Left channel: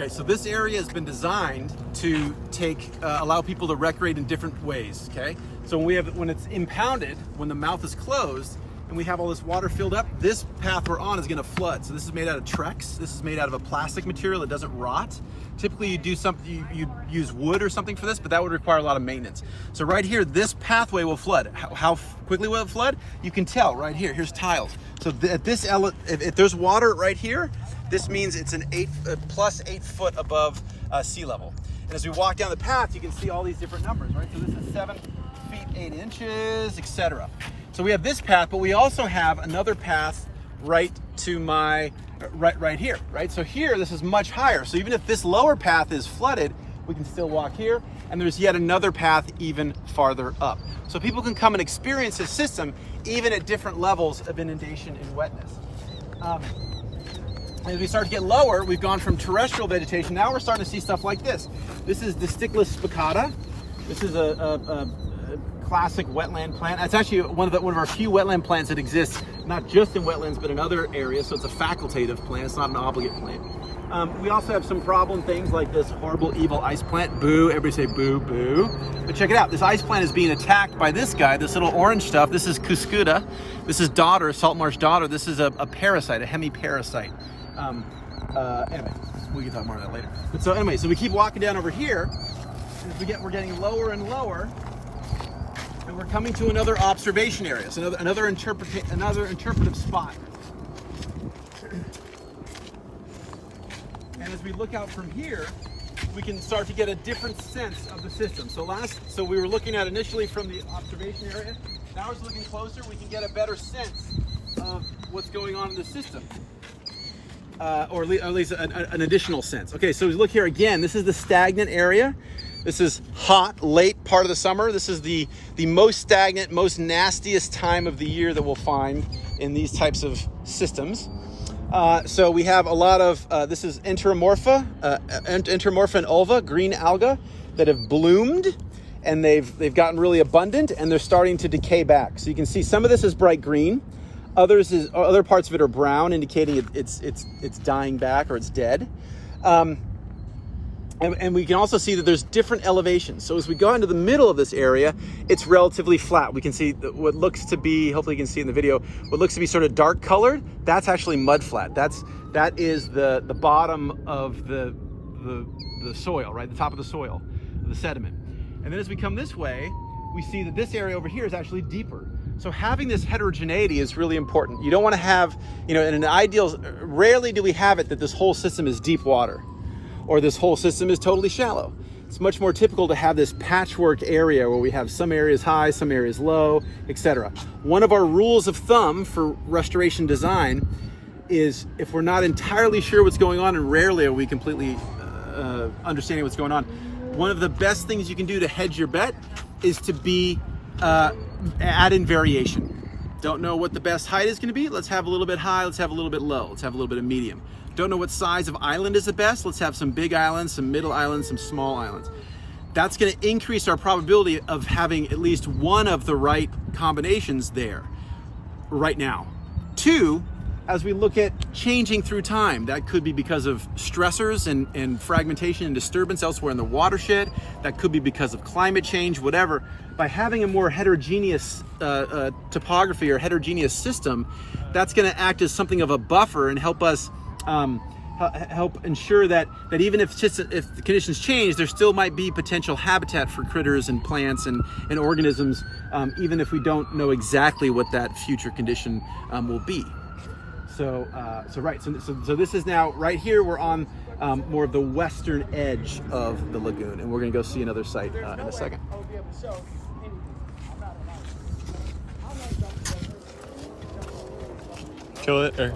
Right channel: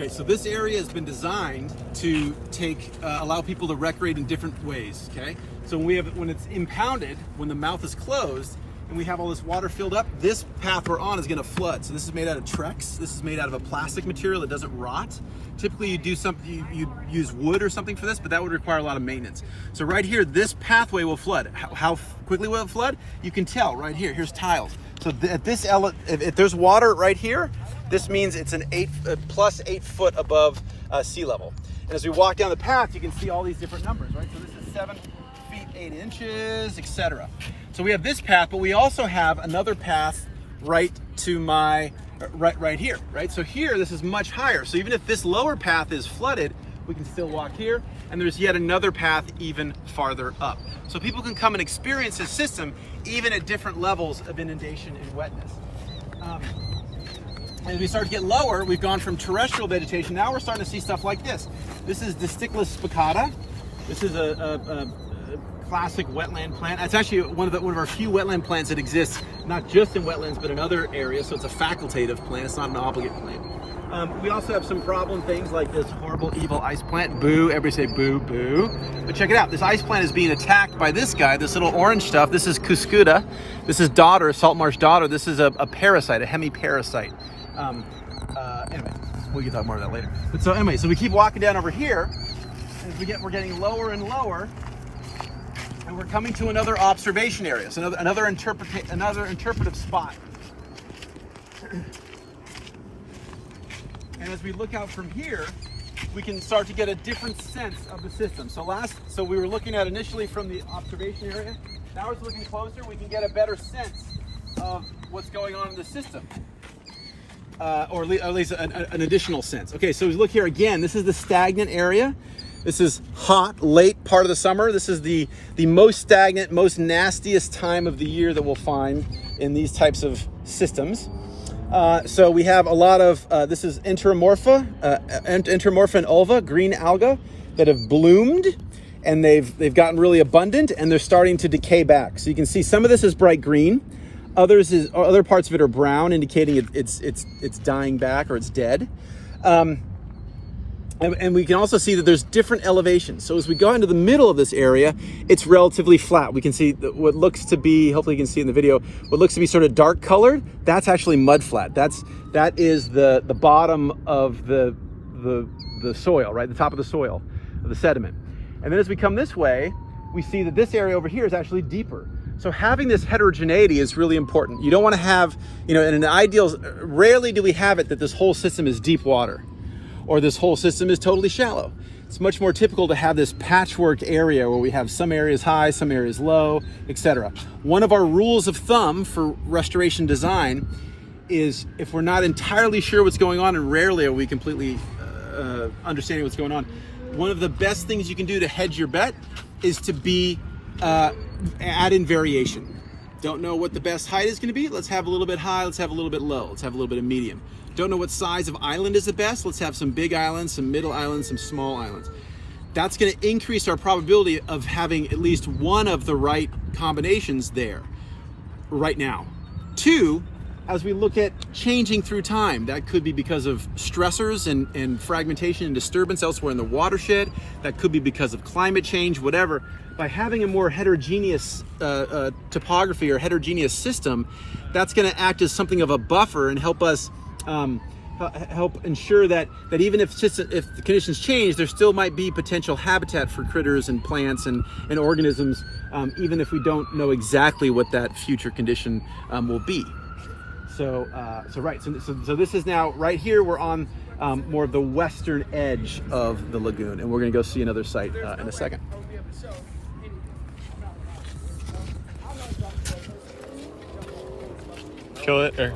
Okay, so this area has been designed to allow people to recreate in different ways, okay? So when it's impounded, when the mouth is closed, and we have all this water filled up, this path we're on is gonna flood. So this is made out of Trex. This is made out of a plastic material that doesn't rot. Typically you use wood or something for this, but that would require a lot of maintenance. So right here, this pathway will flood. How quickly will it flood? You can tell right here, here's tiles. So if there's water right here, this means it's an plus 8 foot above sea level. And as we walk down the path, you can see all these different numbers, right? So this is 7 feet 8 inches, etc. So we have this path, but we also have another path right to my right here, right? So here, this is much higher. So even if this lower path is flooded, we can still walk here, and there's yet another path even farther up. So people can come and experience this system even at different levels of inundation and wetness. As we start to get lower, we've gone from terrestrial vegetation. Now we're starting to see stuff like this. This is the Stickless spicata. This is a classic wetland plant. It's actually one of our few wetland plants that exists, not just in wetlands, but in other areas. So it's a facultative plant. It's not an obligate plant. We also have some problem things like this horrible, evil ice plant. Boo, everybody say boo, boo. But check it out. This ice plant is being attacked by this guy, this little orange stuff. This is Cuscuta. This is dodder, salt marsh dodder. This is a parasite, a hemiparasite. Anyway, we can talk more about that later. But so anyway, so we keep walking down over here, and as we're getting lower and lower, and we're coming to another observation area, so another interpretive spot. And as we look out from here, we can start to get a different sense of the system. So we were looking at initially from the observation area. Now as we're looking closer, we can get a better sense of what's going on in the system. Or at least an additional sense. Okay, so as we look here again, this is the stagnant area. This is hot, late part of the summer. This is the most stagnant, most nastiest time of the year that we'll find in these types of systems. So we have a lot of, this is Enteromorpha and ulva, green alga that have bloomed, and they've gotten really abundant, and they're starting to decay back. So you can see some of this is bright green. Other parts of it are brown, indicating it's dying back or it's dead. And we can also see that there's different elevations. So as we go into the middle of this area, it's relatively flat. We can see what looks to be, hopefully you can see in the video, what looks to be sort of dark colored, that's actually mud flat. That is the bottom of the soil, right? The top of the soil, of the sediment. And then as we come this way, we see that this area over here is actually deeper. So having this heterogeneity is really important. You don't want to have, in an ideal, rarely do we have it that this whole system is deep water or this whole system is totally shallow. It's much more typical to have this patchwork area where we have some areas high, some areas low, etc. One of our rules of thumb for restoration design is if we're not entirely sure what's going on, and rarely are we completely understanding what's going on, one of the best things you can do to hedge your bet is to add in variation. Don't know what the best height is going to be? Let's have a little bit high, let's have a little bit low, let's have a little bit of medium. Don't know what size of island is the best? Let's have some big islands, some middle islands, some small islands. That's going to increase our probability of having at least one of the right combinations there right now. 2, as we look at changing through time, that could be because of stressors and fragmentation and disturbance elsewhere in the watershed. That could be because of climate change, whatever. By having a more heterogeneous topography or heterogeneous system, that's going to act as something of a buffer and help us help ensure that even if the conditions change, there still might be potential habitat for critters and plants and organisms, even if we don't know exactly what that future condition will be. So this is now right here. We're on more of the western edge of the lagoon, and we're going to go see another site in a second. Kill it or?